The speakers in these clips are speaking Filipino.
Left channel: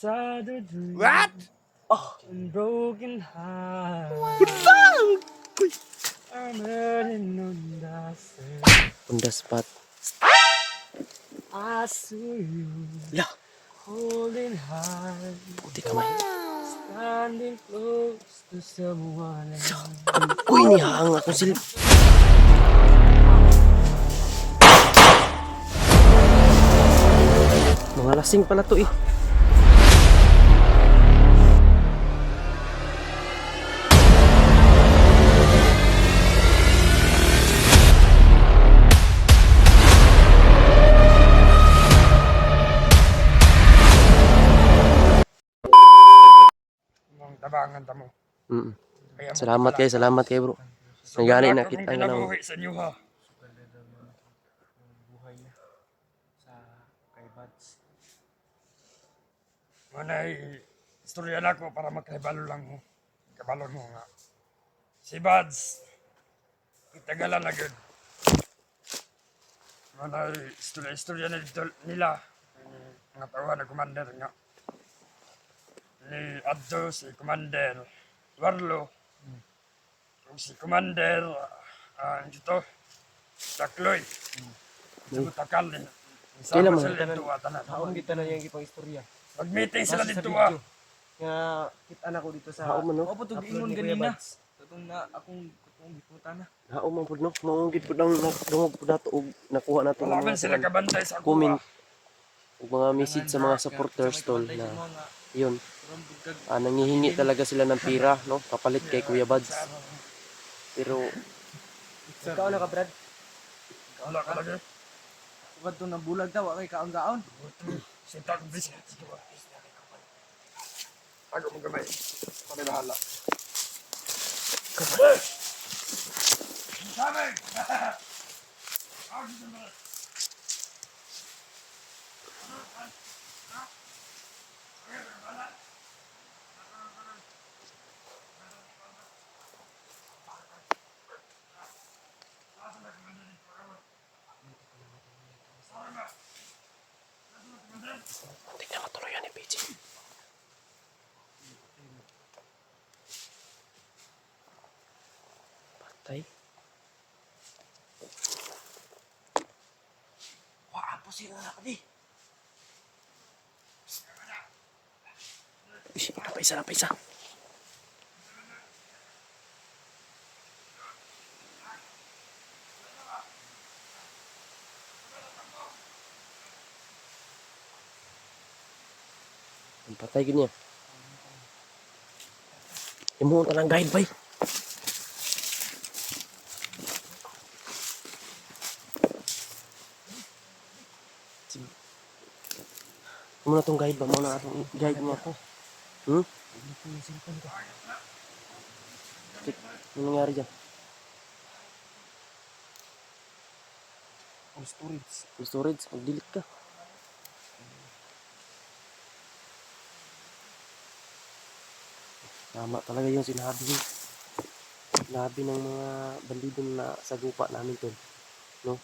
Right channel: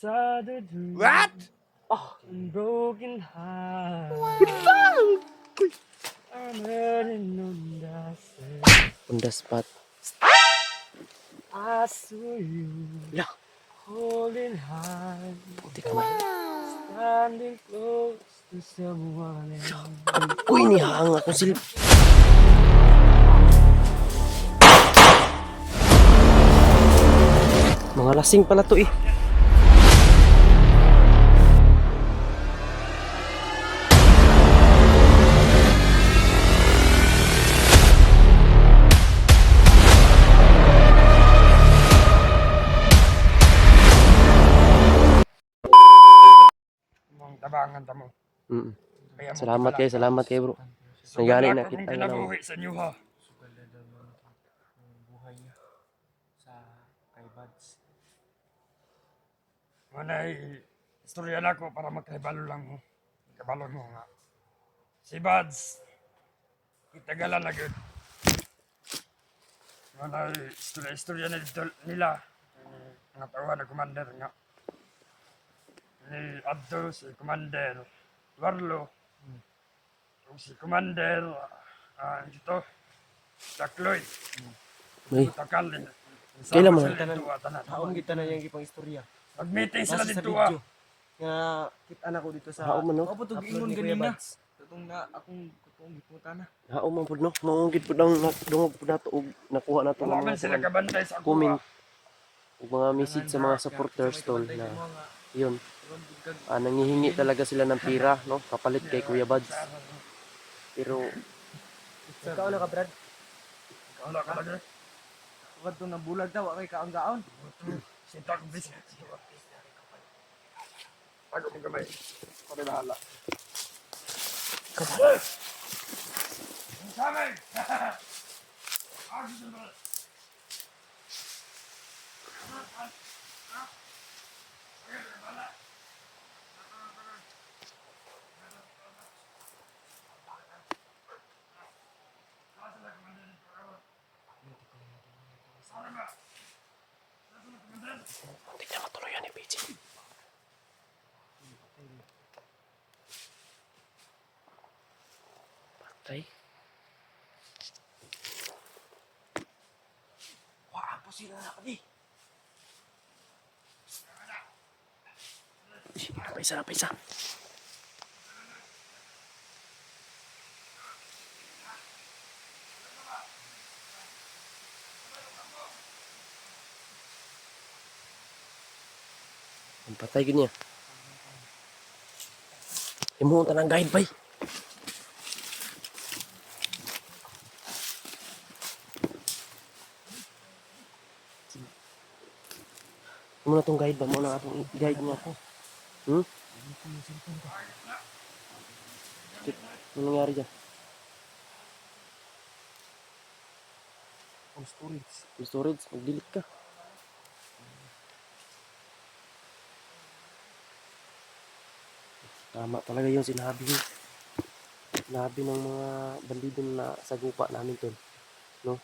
sad dream. What? And broken heart. I'm hurting on the sand. On the spot. I saw you Yeah. holding hands, Puti kamay. standing close to someone else. Uy, nihang akong silip. Mga lasing pala to eh. Ang tabangan tamo. Mm. Kaya mo Salamat kilala. kayo, salamat kayo bro. Sugal Nagani ako na kung kita nga kinabuhi sa inyo ha. Buhay niya sa kay Bads. Manay, istorya na ko para magkaibalo lang mo. Kabalo mo nga. Si Bads, kitagalan na gud. Manay, istorya na dito nila. Nga tawa na commander nga. Ni Addo, si Commander Warlo. Kung si Commander, dito, Dakloy. Uy, Takal. Kailan mo? Sila dito tanan. Naon kita na yung ipang istorya. Mag-meeting sila Nasa sa dito video. Nga kita na ko dito sa hao man no? Ako putog ingon ganina. Tatong na akong gipunta na. Hao man pud no? Maunggit pud ang dungog pud nato og nakuha nato ng Kumaman mga sila kabantay sa comment kuha. ug mga message sa mga supporters tol na yun. Nangihingi talaga sila ng pira, no? Kapalit kay Kuya Bads. Pero Ikaw na ka Brad. Wala ka lagi. Ugad to na bulag daw kay kaon-gaon. Sinta kong biscuits. Ako mo gamay. Kami bahala. Kamay! Kamay! Ako sa mga. tingnan matuluyan ni PJ. Patay. Wah, po sila na kadi. Isa. Ang patay gini ya. Imo ta lang guide bay. Imo na tong guide ba mo na atong guide niya ko. Ano nangyari dyan? Ang storage. Full storage, mag-delete ka. Tama talaga yung sinabi ng mga bandido na sagupa namin tol, no?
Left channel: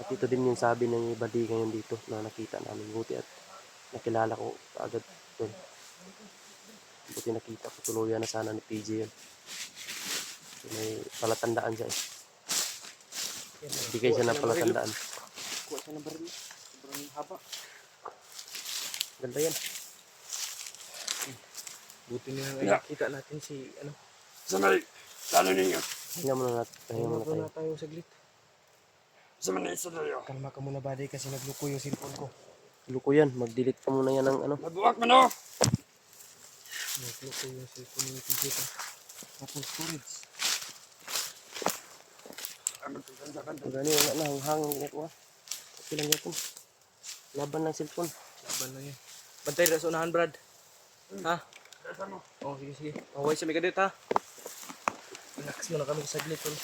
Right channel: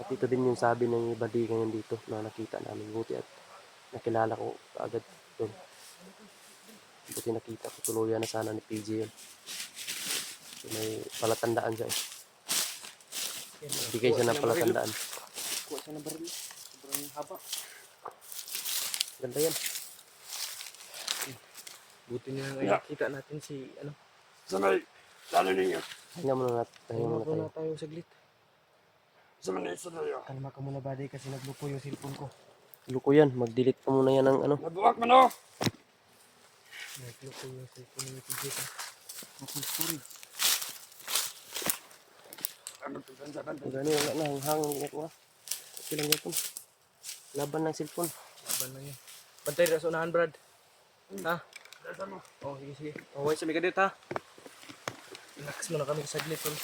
At ito din yung sabi ng bandi ngayon dito na nakita namin. Buti at nakilala ko agad tol. Buti nakita ko tuluyan na sana ni PJ yun. So, may palatandaan siya eh. Bigay siya ng palatandaan. Kuha siya ng baril. Sobrang haba. Ganda yan. Buti na nga nakita natin si ano. Sanay, lalo ninyo. Pahinga muna tayo. tayo saglit. Sanay sa tayo. Kalma ka muna buddy kasi nagluto yung cellphone ko. Luko yan, mag-delete ka muna yan ng ano. Mabuwak mo no. Nagluto yung cellphone ni PJ ka. Full storage. Gani wala na hanghang niya ko. Okay lang yan. Laban ng cellphone. Laban lang yan. Bantay na sa unahan Brad. Ha? Oh, sige. Away sa migadit ha. Relax muna kami saglit tol.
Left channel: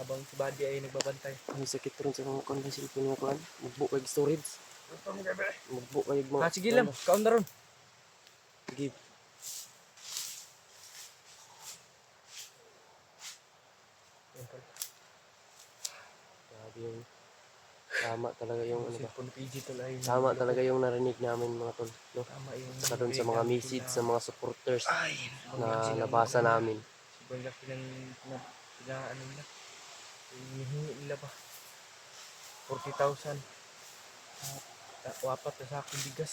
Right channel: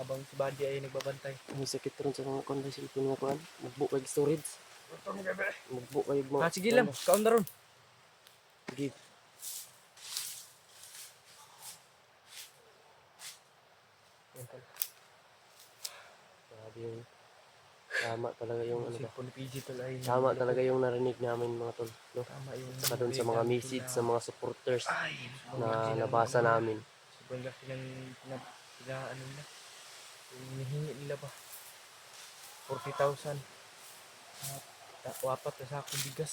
Habang si Buddy ay nagbabantay. Ang sakit rin sa mga konda cellphone nga kuhan. Magbo kay storage. Magbo kay mo. Sige lang, kaon na ron. Sige. Yan tol. Grabe yung Tama talaga yung ano ba. Cellphone ni PG tol ay Tama talaga yung narinig namin mga tol, no? tama yung Saka doon sa mga message sa mga supporters na nabasa namin. sobrang laki ng ano nila. Yung hinihingi nila ba 40,000 wapat na sakong bigas.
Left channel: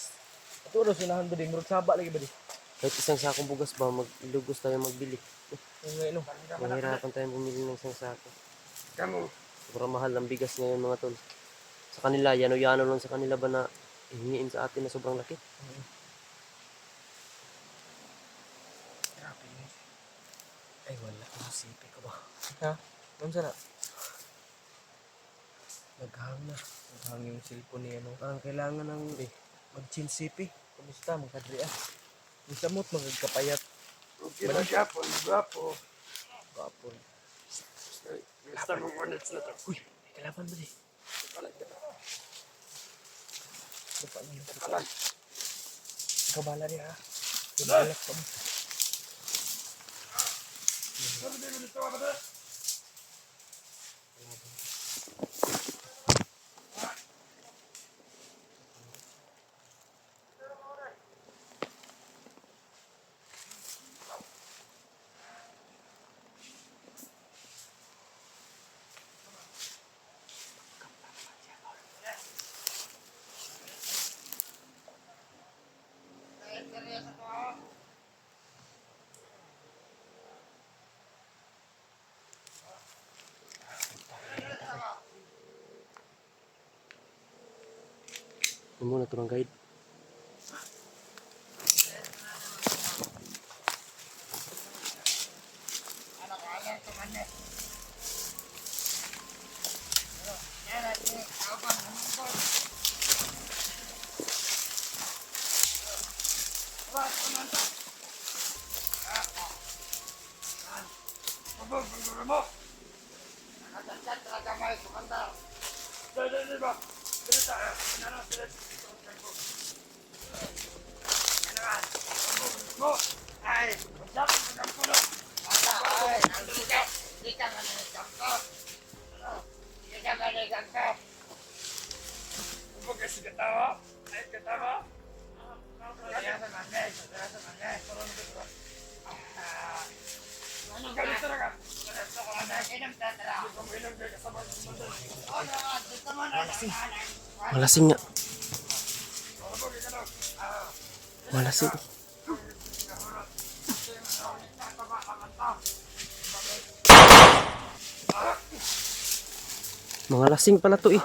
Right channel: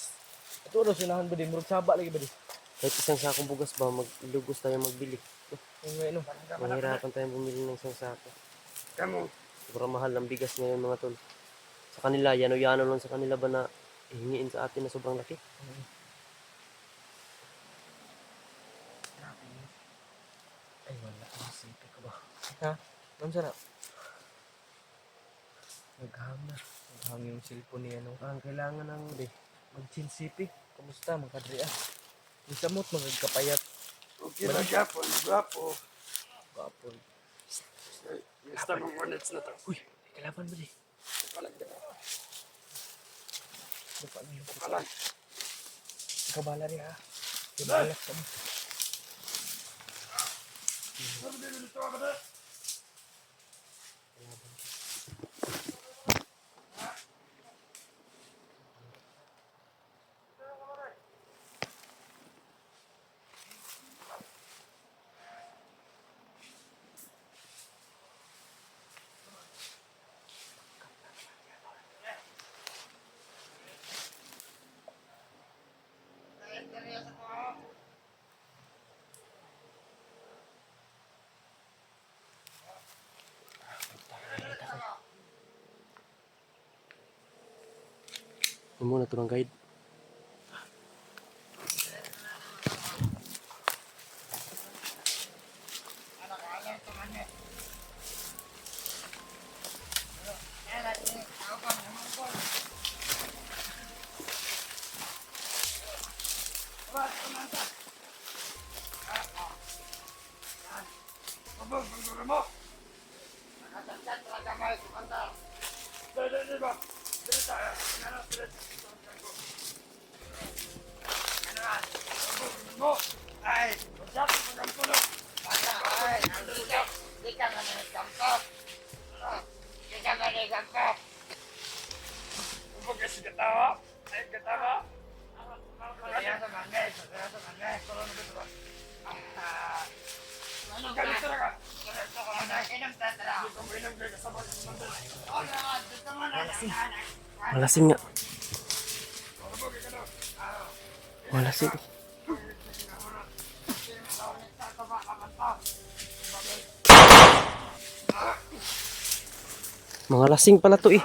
At ano sinahan ba din? Murag saba lagi ba din? Kahit isang sakong bugas ba, maglugos tayo magbili. Yung nga no. Mahirapan tayong bumili ng isang sako. Kamu. Sobrang mahal ang bigas ngayon mga tol. Sa kanila, yano-yano lang sa kanila ba na ihingiin sa atin na sobrang laki. Ay wala ang sipi ko ba? Ha? Ano sana? Naghang na. Naghang yung cellphone ni ano. Ang kailangan ng mag-chill sipi. Kumusta mga kadri ah? Yung samot magkapayat. Okay na gapon, gwapo. Kapon. Gusto mong units na to. Uy, kalaban ba di? Dapat na yung Alam. kabala rin ha. Kabalak ka mo. Sabi din mo dito, kapatid. Yung muna turang guide. Mabog, panggura mo. Nakatagkat talaga may sukandar. Dali ba? Dali tayo. Ano, dali. Ano ba? Mo. Ay, masyado sa kampo na. Ay, di ka na kampo. Di ka na kampo. Mabog kasi katawa. Ay, katawa. Kaya sa mangay. Kaya sa mangay. Pero ano ba ito ba? Galit talaga. Malasing nga. Malasing. Mga lasing pala to eh.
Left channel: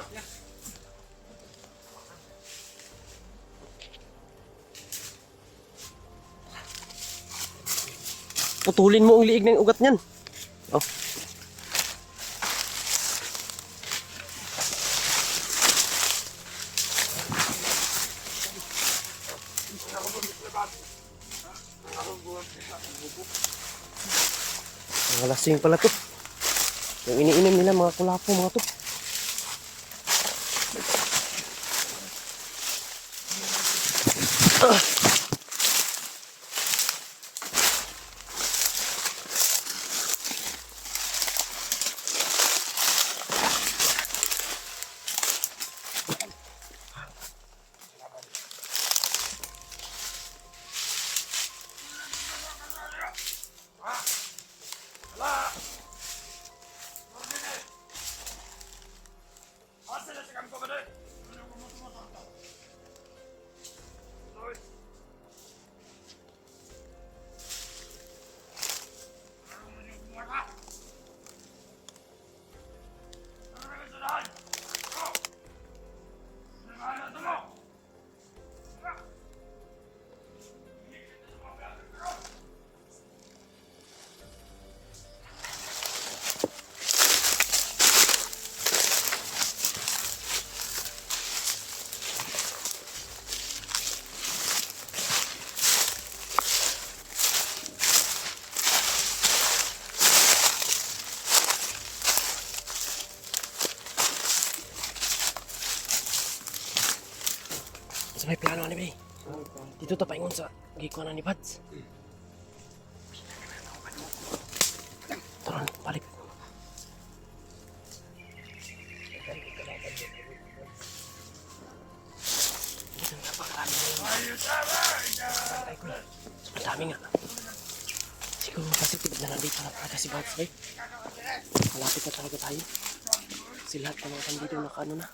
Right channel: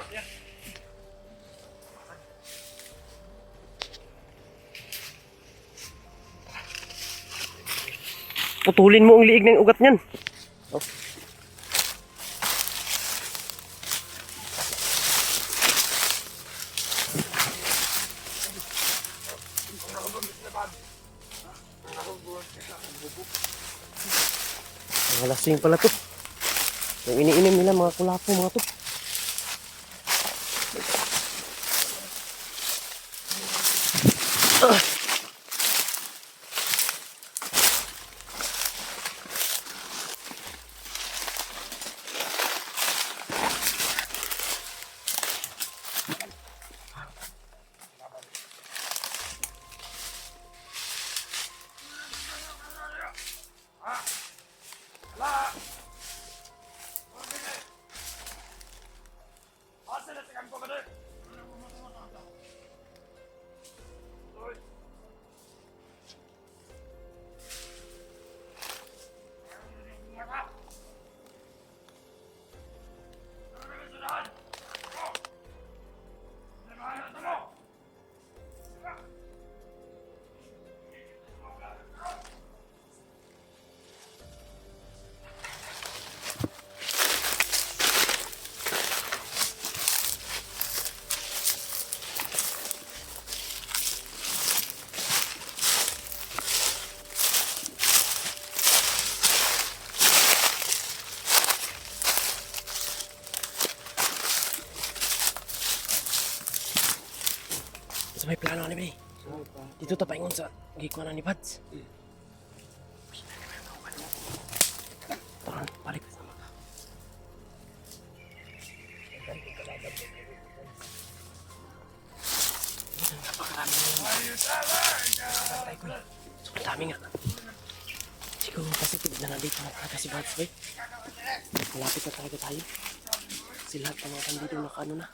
Putulin mo ang liig ng ugat niyan. Oh. Mga lasing pala to. Yung iniinom nila mga kulapo mga to. Sa may plano ni Bay. Dito ta paingon sa gikuan ni Pads. Taron, balik. Sobrang dami nga. Siguro kasi tignan na dito na talaga si Buds, bay. Malapit na talaga tayo. Kasi lahat ng mga bandido nakaano na.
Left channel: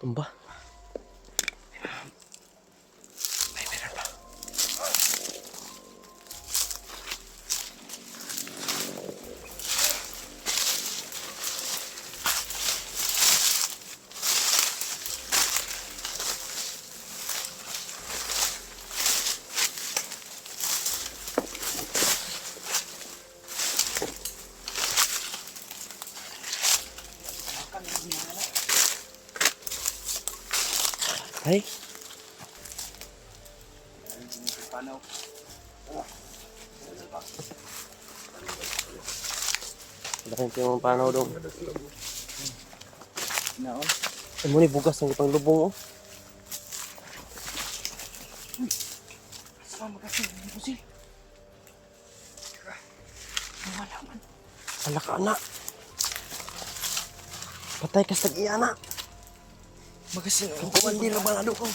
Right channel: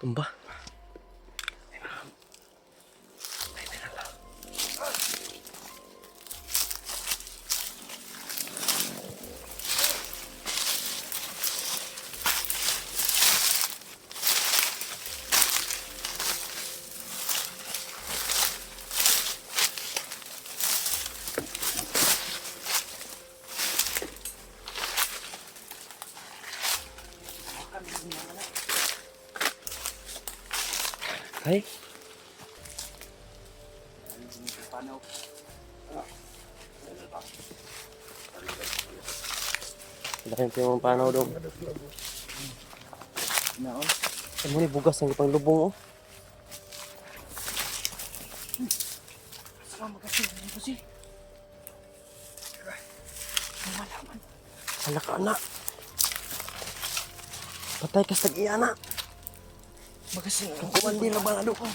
Tumba. Ay. Laking yung mga panaw daw. Naon. Ito ni bugas ng ipang lubong, oh. Sama kasi, hindi ko si. Wala man. Ala ka, anak. Patay ka sa tag-iya, anak. Magasi, Ang kumandi na ba na doon?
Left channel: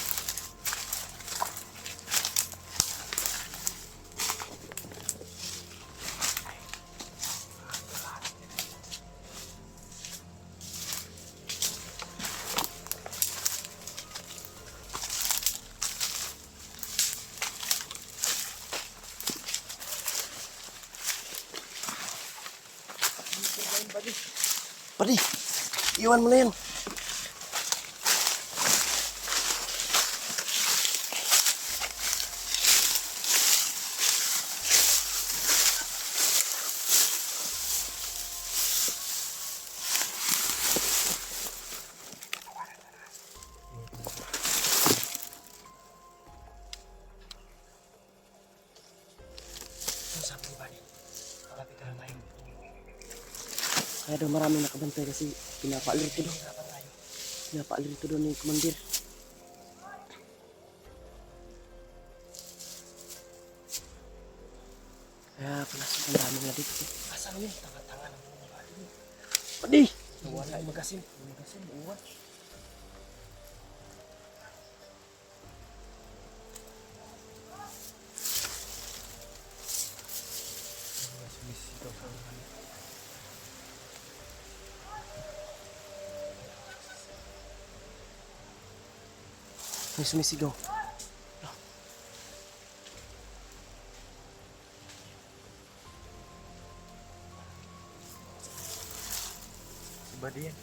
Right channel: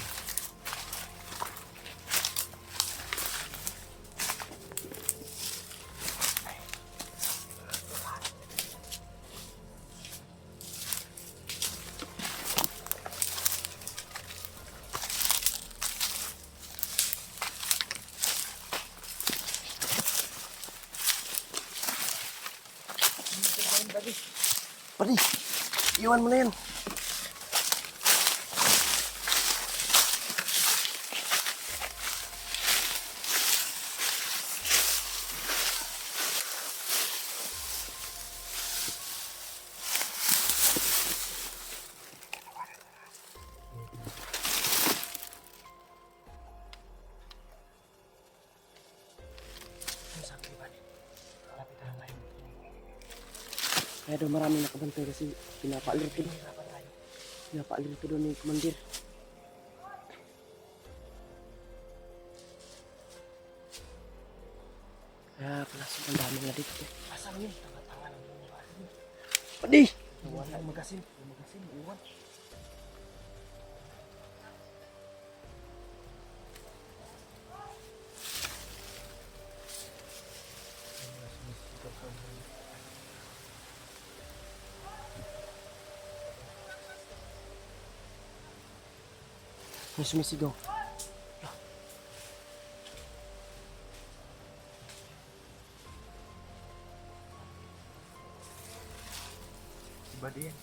Padi, iwan mo na yan. Kaya daw maraming nakabantay kasi pinapaalirto doon. Pinapaalirto doon ni Commander. Kaya pala sobrang dami na dito. asan yun? Tanga-tanga ng mga ano. Padi! Wala yung magasin. Magasin, uwan. May sumisigaw. Si Buddy yan.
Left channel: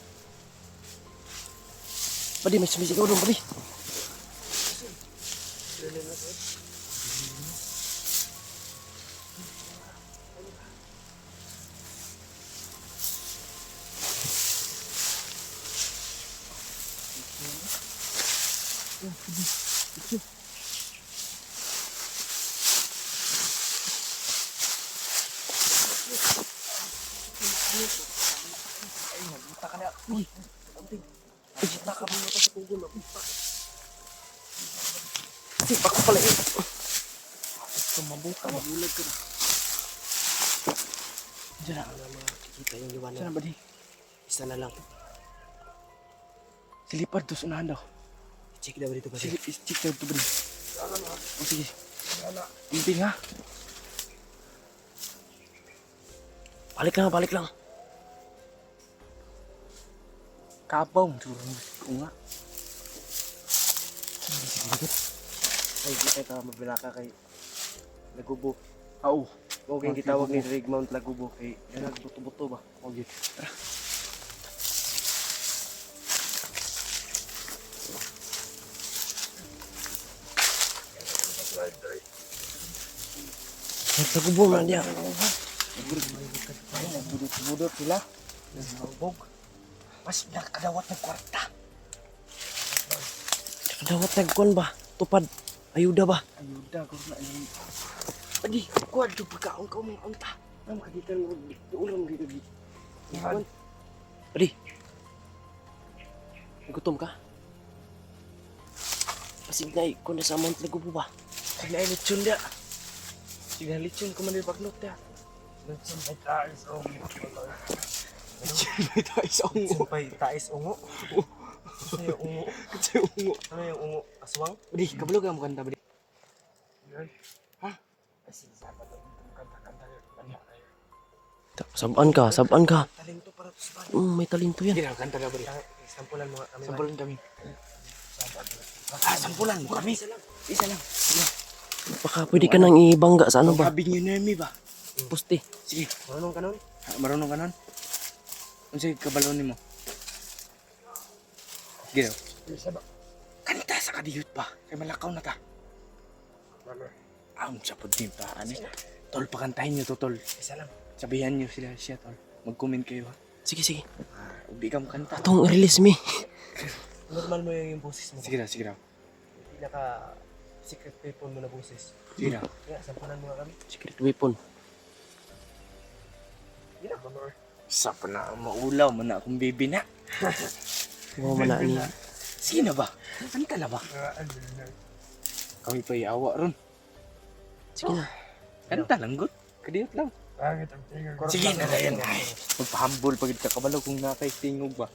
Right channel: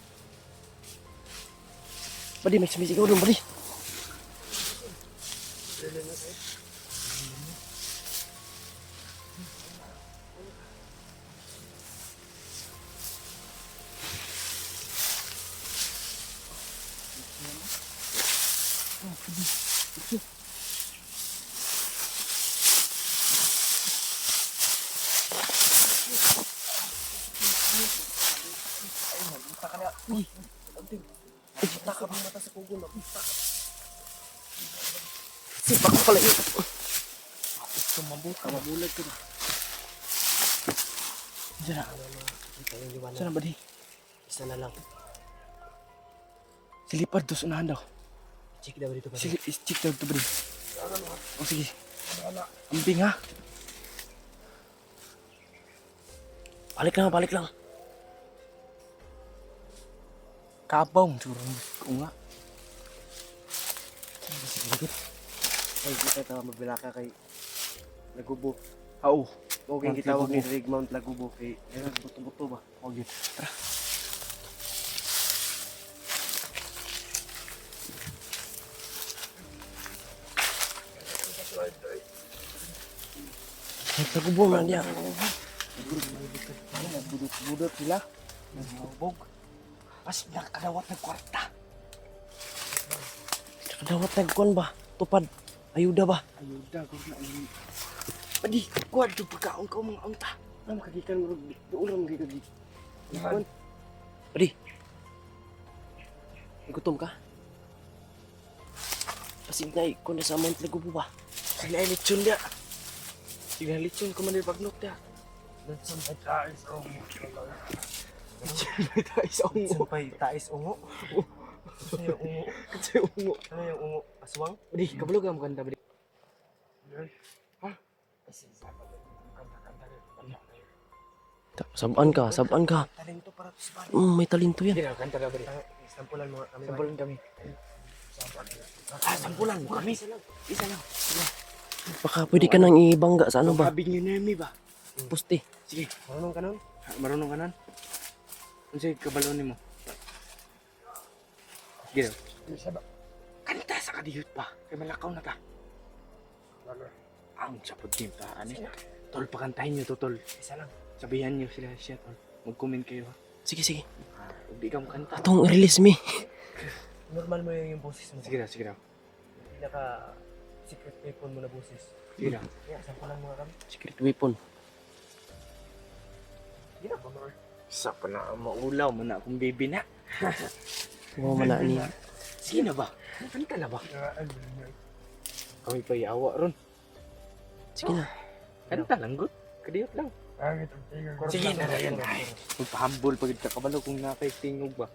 Padi, may sumisigaw doon, Padi. Sipak ko pala yun. Ito mabuka, mabulag ka na. Diyan na. Kikita yung liwanag. Saan na Buddy? Isa na lang. Silipad doon sa unahan daw. Check daw dito, Padi. Sige, check daw ito Buddy. Oh, sige. Inting ha. Balik lang, balik lang. Kabaw mo siguro. Oo nga. Ay, kita ka mabila ka kay Lagubo. Oo. Huwag yung gitawag ni Rig Mount Lagubo kay yan buto-buto ba? Huwag yun. Tara. Ay, Lagubo man diyan. Budot sila. Nahubog. Mas nakadawat ng kwarta. Kadawat nagkuhan ba? Tupad. Ayuda ba? Ayuda, kung na alam. Padi, kuwan ito pagkaon ka umang unta. Nang kagikan mo, ulam dito dito. Padi. Nagutom ka? Pasig na ko na sa Mount Lagubo ba? Sige na lechon dia. Sige na lechon ko man din pagnok dia. Sampai tayo sa ungo. Sampay tais ungo. Ano yung ungo? Ano yung ungo? Aswang? Budi, kabalo ka mo kanta, budi. Kasi sabat ang kanta-kanta kayo. Saban ka. Talento para to sa bari. May talento yan. Sige na, kanta na, budi. Sampulan mo kami. Sampulan kami. Sampulan mo kami. Isa lang. Baka pwede ka nang ibangga sa ano ba? Sabi niyo na mi ba? Puste. Sige. Marunong ka nun? Marunong ka nun? Ano sige, kabalon mo? Sige daw. Kanta sa kadiyot pa. Kaya malakaw na ta. Ang sapod din pa. Ano? Tol, pakantahin niyo to, tol. Isa lang. Sabihan niyo sila siya, tol. Mag-comment kayo, ha? Sige. Ubi ka mo kanta. Atong release me. Normal mo yung boses mo. Sige daw, sige daw. Yung pinaka secret weapon mo na boses. Sige daw. Kaya, sampulan mo kami. Secret weapon. Sige daw, Banor. Isa pa na ang maulaw mo na akong baby na. Wow, mana niya. Sige na ba? Kanta na ba? Kami pa iawa ron. Sige na. Kanta lang, good. Kadiyot lang. Pangit ang tingin ko. Sige na, yan. Magpahambol pagid ka kabalo kung nakaitingog ba.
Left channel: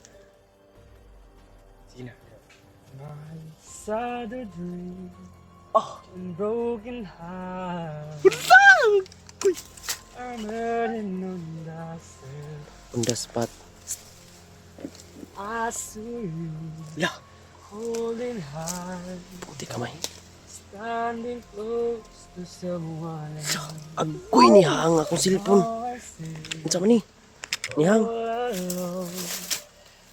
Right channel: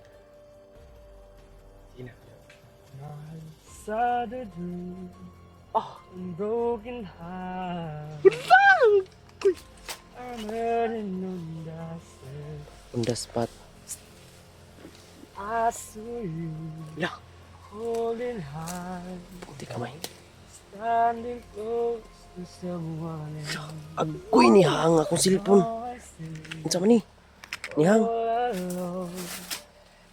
Sige na. My sad dream. Oh! And broken heart. I'm hurting on the self. On the spot. I saw you La! holding hands, Puti kamay. standing close to someone else. Agoy ni hang akong silpon. All I see Unsa man ni? Ni hang. all alone,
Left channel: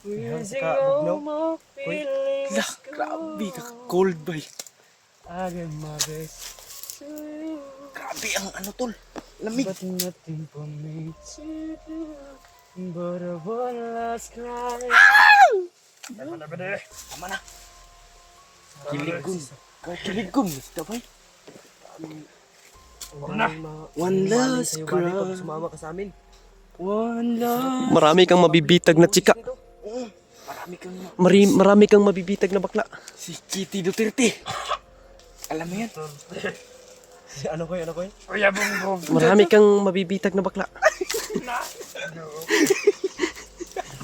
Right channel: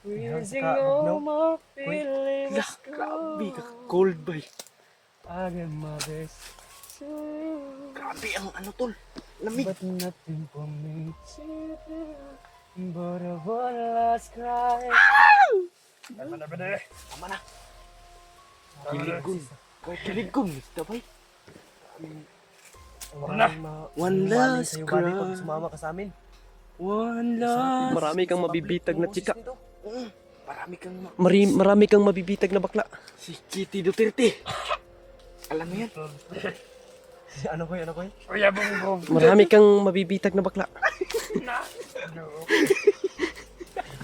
wishing saka all bugnaw. my feelings La! Grabe ka cold ba? I give my best to you, Grabe ang ano tol. Lamig. but nothing for me to do but a one last cry. Tama na. Kiligom. Kiligom. Ito ba? One last Sa'yo, buddy, pag cry. sumama ka sa amin. One last. Marami kang mabibitag na chika. Marami kang Marami kang mabibitag na bakla. si Kitty Duterte. Alam mo yan? Ano ko yun? Kuya Bongbong. Marami kang mabibitag na bakla.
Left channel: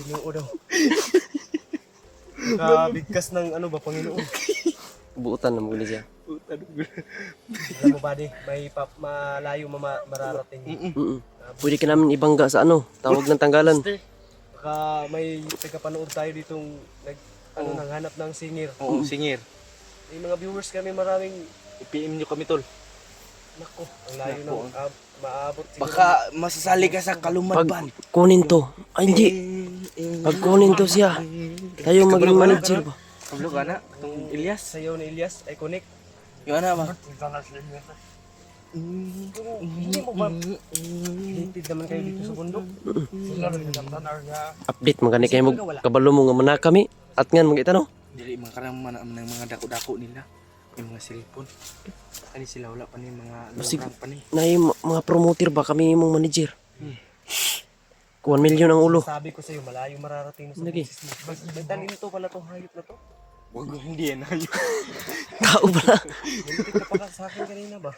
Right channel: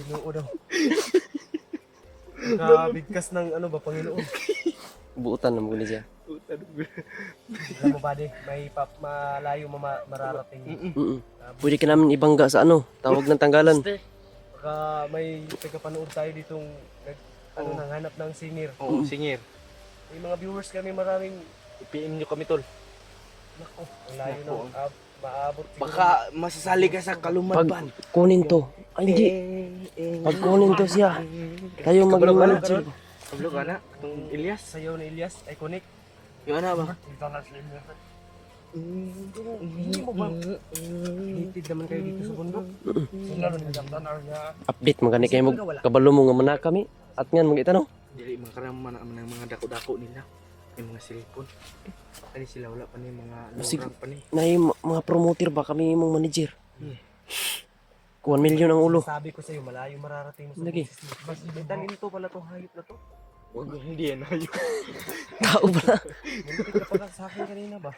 Ginoo daw. Kabigkas ng ano ba, Panginoon. Buutan na muli siya. Alam mo ba, may malayo mararating. Pwede ka namin ibangga sa ano, tawag ng tanggalan. Baka may tagapanood tayo ditong nanghanap ng singer. Oo, singir. May mga viewers kami maraming. I-PM nyo kami tol. Naku, ang layo Naku. na maabot siguro. Baka masasali ka sa Pag kalumadban. kunin to. Ay hindi. Pag kunin to siya. Tayo maging manager ba? Kablo ka na? Itong Elias. Sayaw ni Elias, iconic. Yung ano ba? Hindi mo ba? Hitid naman kayo dito sa bundok. Update magani kayo mo kabalo mo nga mana kami. At ngan magita no. Dili mga karaman ng mga dako-dako nila. Yung mga cellphone. Ani sila wala pa ni mga Sige. lorang pa ni. Nay mga promoter ba kami mong manager. 1 million ang ulo. Sabi ko sa'yo, malayo mararating mo sa Lagi. business mo. May talento pala to, hayop na to. Huwag mo hindi yan. Tao ba? Nalitik ka pala sa akin kanina ba?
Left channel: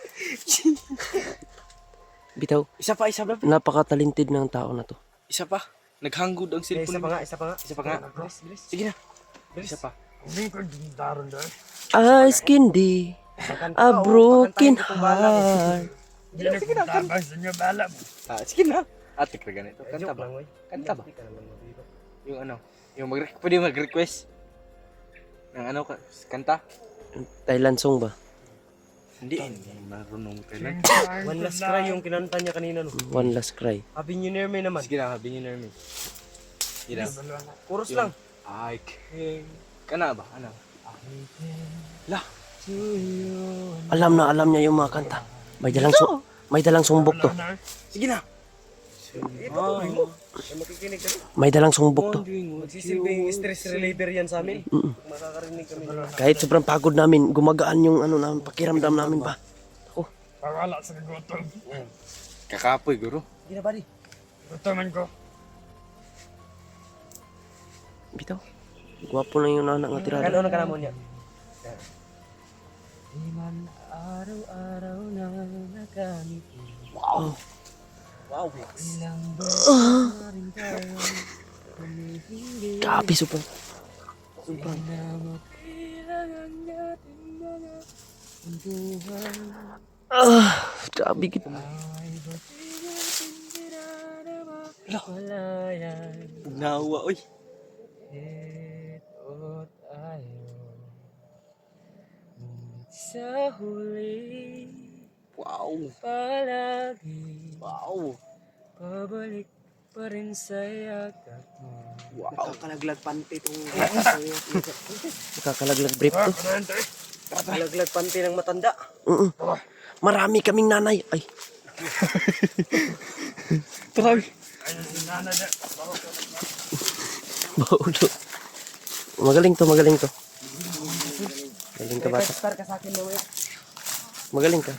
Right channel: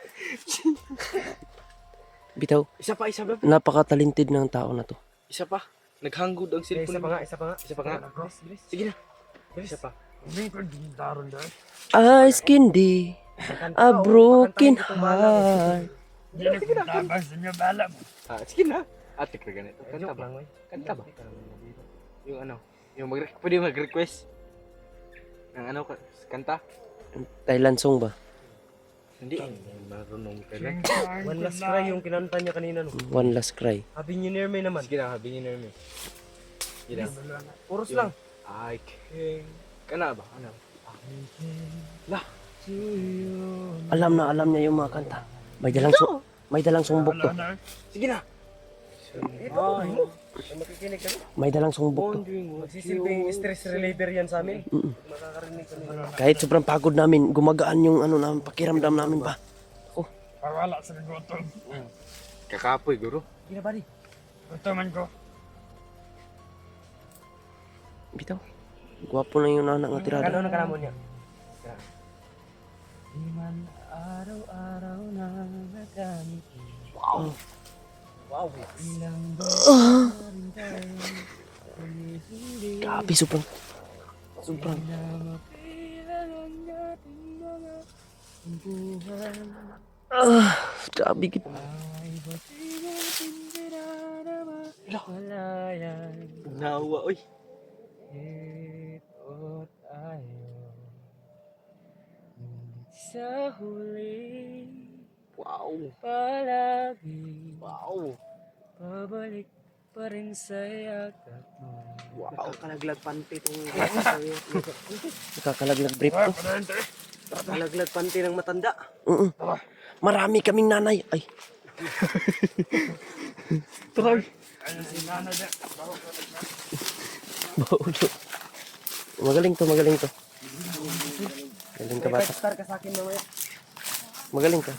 Bitaw, Isa pa. napaka-talented ng tao na to. Isa pa. Naghangod ang Isa cellphone. pa nga, isa pa nga. Isa pa nga. Bilis, bilis. Sige na. Isa pa. Eyes candy, a broken heart. Sige na. Ate ka ganito. Kanta ba? Kanta ba? Yung ano? Yung pwede mag-request. Ng ano ka? Kanta? Thailand song ba? Hindi. Marunong ka lang. One last cry yung kinanta niya kanina no. One last cry. Happy New Year may naman. Sige na, habingin na namin. Sige na. Chorus lang. I can... Kana ba? Ano? Lah. To you. Alam niya yung mga kanta. May dalang sumbok to. Sige na. Ito to, mo. Makikinig ka rin. May dalang sumbok to. Magsisilbing stress reliever yan sa amin. Makakarinig kami. Kahit sobrang pagod namin, gumagaan yung ano namin, pakiramdam namin ba. Ako, Pawala sa gutom. Kakapoy, guro. Hindi na buddy. Gutoman ko. bitaw. Gwapo na yung anak nga tirada. Ano na kanamo niya? Di man araw-araw na nagangiti. Wow. Wow, ilang beses na rin tayo humihindi. Grabe, sobrang. Sobrang. Di na mapilang ang ating mga kwentuhan. Grabe gid. Ay, ba't di natin pinanamalayan? Nawa, oy. Ito tayo. Ngunit sa huli, Wow. palagi Wow. pabalik pa rin sa yakap mo. Wow. Nakakalaglag panty itong Nakakalaglag brief to. nakakalaglag panty ng matanda. Marami kaming nanay. Ay. Grabe. Baulo. Magaling to, magaling to. Magaling ka bata. Star ka sa akin mamaya. Magaling ka.